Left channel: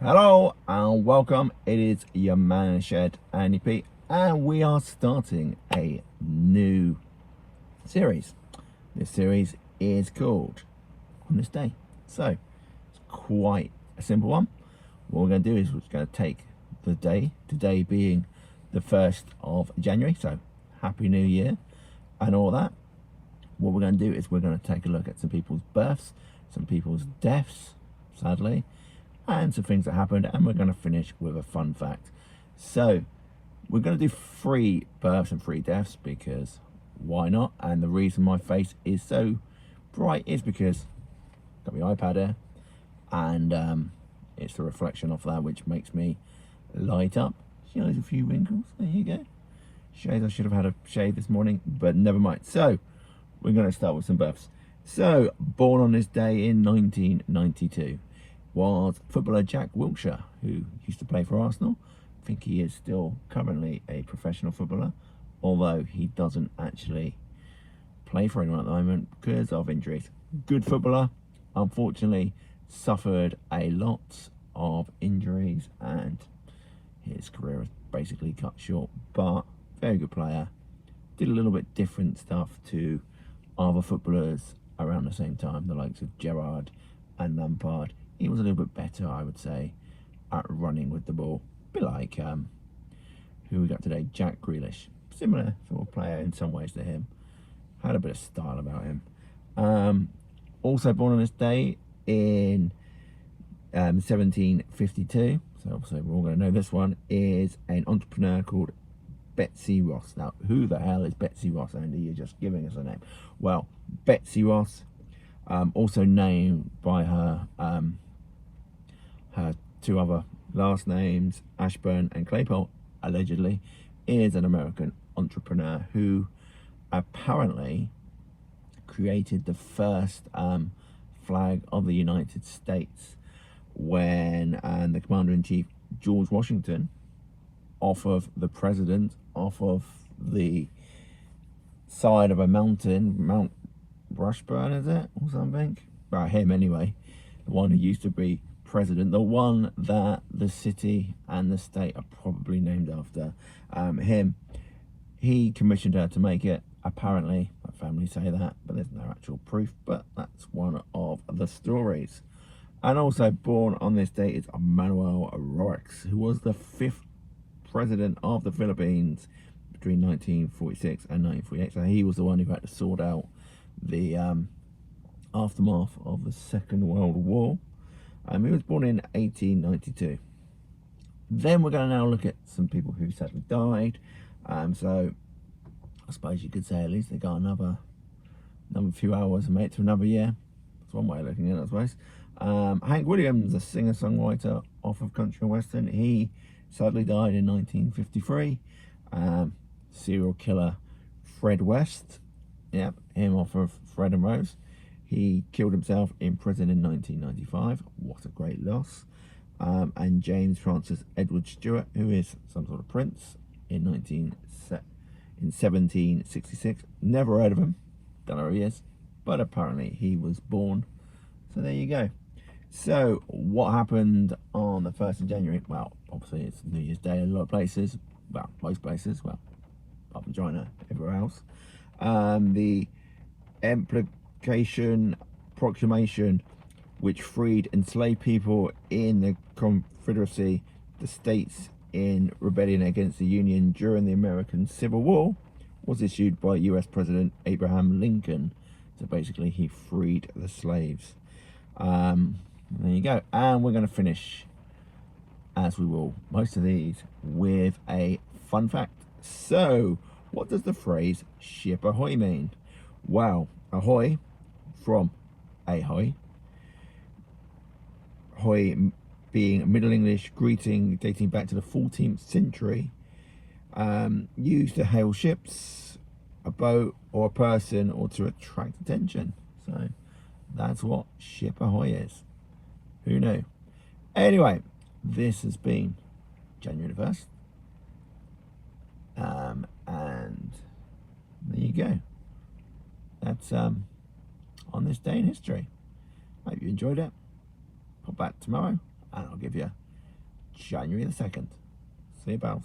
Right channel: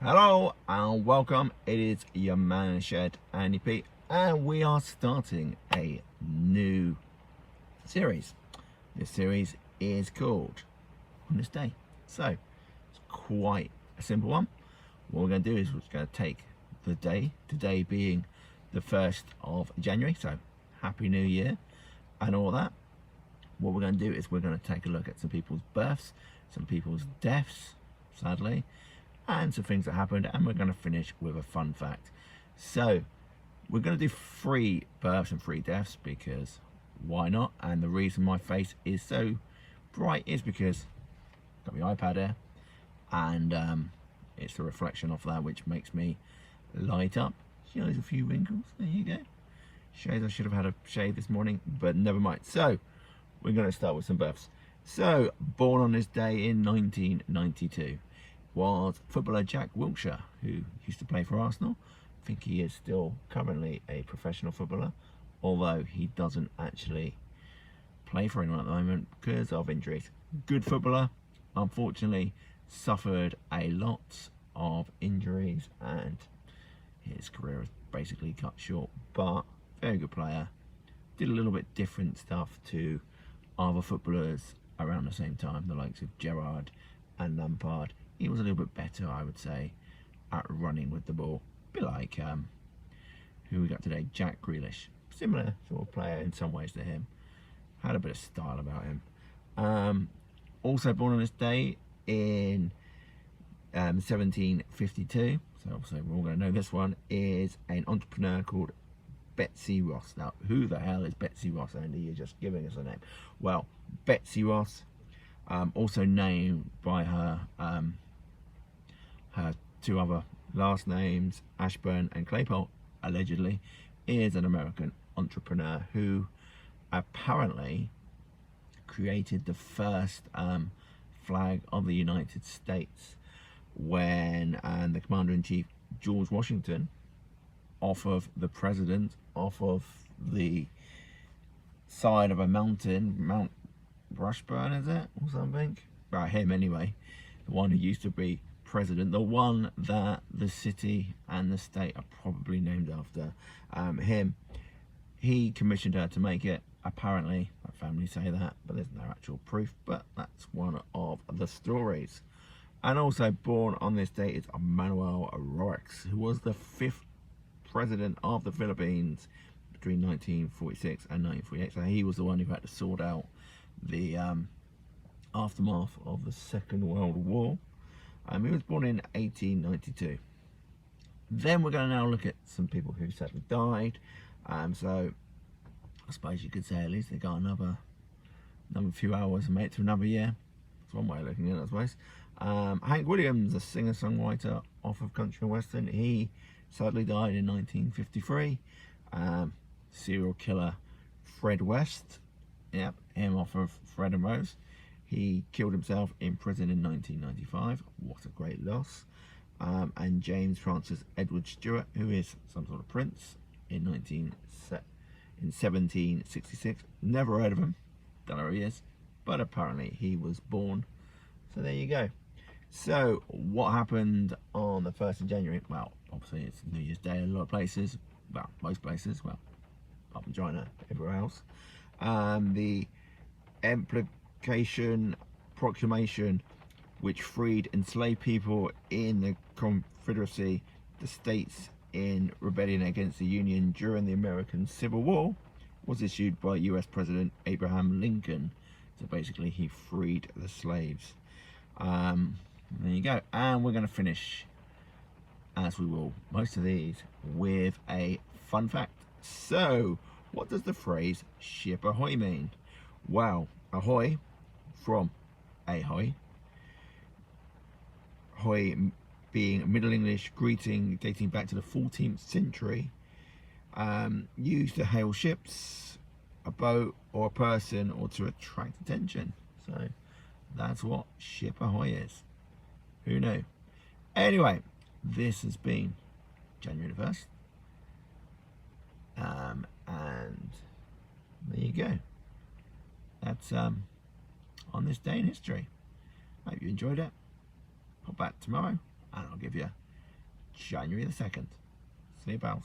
Hello and welcome. It is your man Shed Andy P, and we are starting a new series. This series is called On This Day. So it's quite a simple one. What we're going to do is we're going to take the day, today being the 1st of January, so Happy New Year and all that. What we're going to do is we're going to take a look at some people's births, some people's deaths, sadly, and some things that happened, and we're going to finish with a fun fact. So we're going to do 3 births and 3 deaths because why not? And the reason my face is so bright is because I've got my iPad here, and it's the reflection of that which makes me light up. Shows a few wrinkles. There you go. Shows I should have had a shave this morning, but never mind. So we're going to start with some births. So born on this day in 1992 was footballer Jack Wilshire, who used to play for Arsenal. I think he is still currently a professional footballer, although he doesn't actually play for anyone at the moment because of injuries. Good footballer, unfortunately suffered a lot of injuries and his career is basically cut short, but very good player. Did a little bit different stuff to other footballers around the same time, the likes of Gerrard and Lampard. He was a little bit better, I would say, at running with the ball. A bit like who we got today, Jack Grealish. Similar sort of player in some ways to him. Had a bit of style about him. Also born on this day in 1752. So obviously we're all going to know this one, is an entrepreneur called Betsy Ross. Now, who the hell is Betsy Ross, Andy? You're just giving us a name. Well, Betsy Ross, also named by her her 2 other last names, Ashburn and Claypole, allegedly, is an American entrepreneur who apparently created the first flag of the United States when the Commander-in-Chief George Washington, off of the president, off of the side of a mountain, Mount Rushburn, is it, or something? About him anyway, the one who used to be president, the one that the city and the state are probably named after him. He commissioned her to make it. Apparently, my family say that, but there's no actual proof, but that's one of the stories. And also born on this date is Manuel Roxas, who was the 5th president of the Philippines between 1946 and 1948. So he was the one who had to sort out the aftermath of the Second World War. He was born in 1892. Then we're going to now look at some people who sadly died. So I suppose you could say at least they got another few hours and made it to another year. That's one way of looking at it, I suppose. Hank Williams, a singer-songwriter off of country and western. He sadly died in 1953. Serial killer Fred West, yep, him off of Fred and Rose. He killed himself in prison in 1995. What a great loss. And James Francis Edward Stewart, who is some sort of prince, in 1766. Never heard of him. Don't know who he is, but apparently he was born. So there you go. So what happened on the 1st of January? Well, obviously it's New Year's Day in a lot of places. Well, most places. Well, apart from China, everywhere else. The Emancipation Proclamation, which freed enslaved people in the Confederacy, the states in rebellion against the Union during the American Civil War, was issued by US President Abraham Lincoln. So basically he freed the slaves. There you go. And we're going to finish, as we will most of these, with a fun fact. So what does the phrase ship ahoy mean? Well, ahoy from ahoy, ahoy being Middle English greeting dating back to the 14th century, used to hail ships, a boat or a person, or to attract attention. So that's what ship ahoy is. Who knew? Anyway, this has been January the 1st. And there you go. That's on this day in history. Hope you enjoyed it. Pop back tomorrow and I'll give you January the 2nd. See you, pals.